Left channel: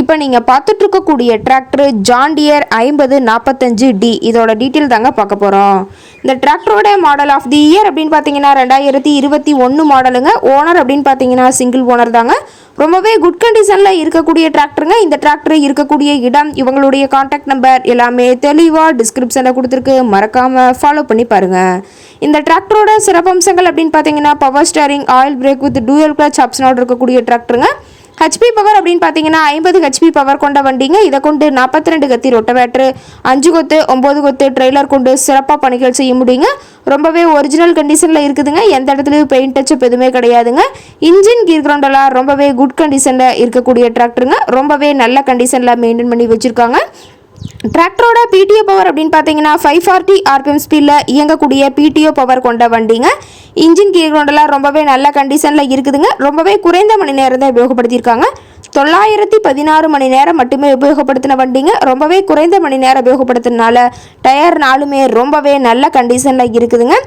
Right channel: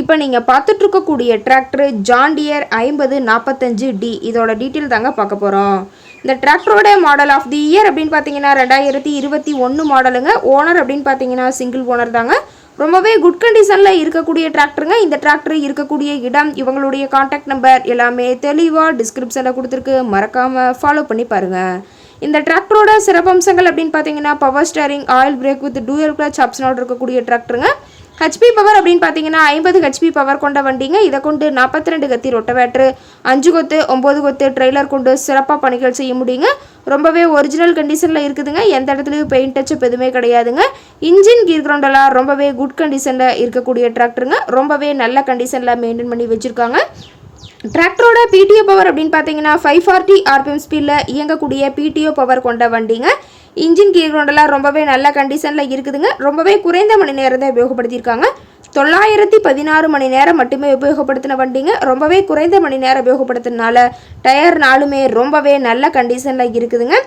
இப்போ நீங்கள் பார்த்துட்டு இருக்கக்கூடிய டிராக்டர் ஜாண்டியர் ஐம்பது நாற்பத்தஞ்சு டி இதோட டீட்டெயில் தாங்க பார்க்க போகிறோம் இந்த டிராக்டரோட மாடல் ஆஃப் தி இயர் அப்படின்னு பார்த்தீங்கன்னா ரெண்டாயிரத்தி இருபத்தி ஒன்று மாடலுங்க ஓனர் அப்படின்னு பார்த்தீங்கன்னா சிங்கிள் ஓனர் தாங்க. ரொம்பவே குட் கண்டிஷனில் இருக்கக்கூடிய டிராக்டருங்க இந்த டிராக்டர் இருக்கக்கூடிய இடம் இவங்களுடைய காண்டாக்ட் நம்பர் எல்லாமே தெளிவாக டிஸ்கிரிப்ஷனில் கொடுத்துருக்கு. மறக்காமல் ஃபாலோ பண்ணி பாருங்கள் இந்த டிராக்டரோட சிறப்பம்சங்கள் அப்படின்னு பார்த்தீங்கன்னா power steering oil brake with dual clutch ஆப்ஷனோட இருக்கக்கூடிய டிராக்டருங்க ஹெச்பி பவர் அப்படின்னு பார்த்தீங்கன்னா ஐம்பது ஹெச்பி பவர் கொண்ட வண்டிங்க. இதை கொண்டு நாற்பத்தி ரெண்டு கத்தி ரொட்டவேட்ரு அஞ்சு கொத்து ஒம்பது கொத்து ட்ரெய்லர் கொண்டு சிறப்பாக பணிகள் செய்ய முடியுங்க. ரொம்பவே ஒரிஜினல் கண்டிஷனில் இருக்குதுங்க. எந்த இடத்துலையும் பெயிண்ட் டச்சப் எதுவுமே கிடையாதுங்க. இன்ஜின் கீர் கிரவுண்டெல்லாம் ரொம்பவே குட் கண்டிஷனில் இருக்கக்கூடிய டிராக்டருங்க ரொம்பவே நல்ல கண்டிஷனில் மெயின்டைன் பண்ணி வச்சுருக்காங்க. டிராக்டரோட பிடிஓ பவர் அப்படின்னு பார்த்தீங்கன்னா ஃபைவ் ஃபார்ட்டி ஆர்பிஎம் ஸ்பீடில் இயங்கக்கூடிய பிடிஓ பவர் கொண்ட வண்டிங்க. இன்ஜின் கீழ் கொண்டெல்லாம் ரொம்பவே நல்ல கண்டிஷனில் இருக்குதுங்க. ரொம்பவே குறைந்த மணி நேரம் தான் உபயோகப்படுத்தியிருக்காங்க. தொள்ளாயிரத்தி பதினாறு மணி நேரம் மட்டுமே உபயோகப்படுத்தின வண்டிங்க. ரொம்பவே குறைந்த மணி நேரம் உபயோகப்படுத்தினால டயர் நாளுமே ரொம்பவே நல்ல கண்டிஷனில் இருக்குதுங்க.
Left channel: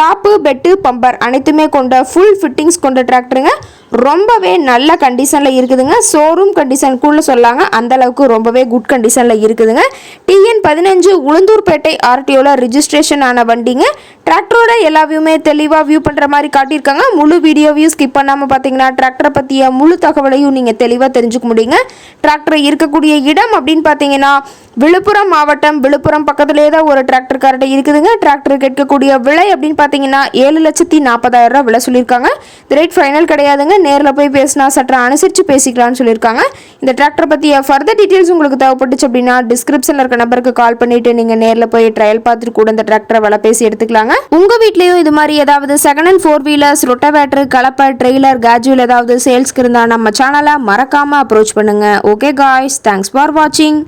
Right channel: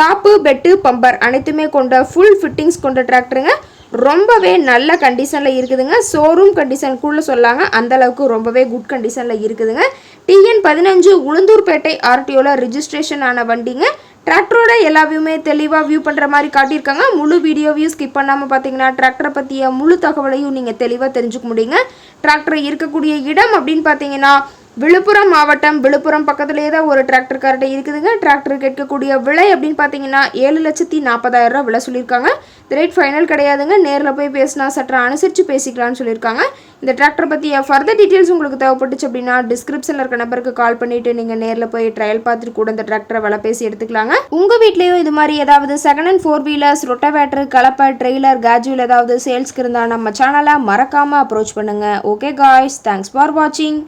டாப்பு பெட்டு பம்பர் அனைத்துமே கொண்ட ஃபுல் ஃபிட்டிங்ஸ் கொண்ட டிராக்டருங்க ரொம்பவே நல்ல கண்டிஷனில் இருக்குதுங்க. ஷோரூம் கண்டிஷனுக்குள்ளே சொல்லாங்க அந்தளவுக்கு ரொம்பவே குட் கண்டிஷனில் இருக்குதுங்க. டிஎன் பதினஞ்சு உளுந்தூர்பேட்டை ஆர்டிஓவில் ரிஜிஸ்ட்ரேஷன் ஆன வண்டிங்க. டிராக்டரோட எல்லா வியூமே தெளிவாக வியூ பண்ணுற மாதிரி காட்டியிருக்காங்க. முழு வீடியோவையும் ஸ்கிப் பண்ணாமல் பார்த்தீங்கன்னா டிராக்டரை பற்றிய முழு தகவலையும் நீங்கள் தெளிவாக தெரிஞ்சுக்க முடியுங்க. டிராக்டர் இருக்கக்கூடிய இடம் அப்படின்னு பார்த்தீங்கன்னா விழுப்புரம் மாவட்டம் விழுப்புரம் பக்கத்துலேயே தான் ஒரு டிராக்டர் கார்ட்டை இருக்குதுங்க. டிராக்டர் கேட்கக்கூடிய விலை அப்படின்னு பார்த்தீங்கன்னா ஏழு லட்சத்தி நாற்பதாயிரம் ரூபா விலை சொல்லியிருக்காங்க. இந்த ரேட் ஃபைனல் கிடையாதுங்க. நேரில் போய் பேசினா சற்று அனுசரித்து பேசிக்கலாம்னு சொல்லியிருக்காங்க. இந்த டிராக்டர் பற்றிய ஃபர்தர் டீட்டெயில்ஸ் உங்களுக்கு தேவைப்பட்டுச்சு அப்படின்னா டிஸ்கிரிப்ஷனில் இருக்க நம்பருக்கு கால் பண்ணிட்டு நீங்கள் நேரில் போய் ட்ரையல் பார்த்துட்டு கூட இந்த டிராக்டரை விலை பேசி எடுத்துக்கலாங்க. உங்கள் வீட்லேயும் இது மாதிரி ஏதாவது second hand four wheelers rotavator கலப்பை ட்ரெய்லர் கேஜுவல் ஏதாவது சேல்ஸ்க்கு இருந்தால் நம்ம சேனலை மறக்காமல் அப்ரோச் பண்ணுங்கள் ஓகே காய்ஸ் தேங்க்ஸ் ஃபார் வாட்சிங்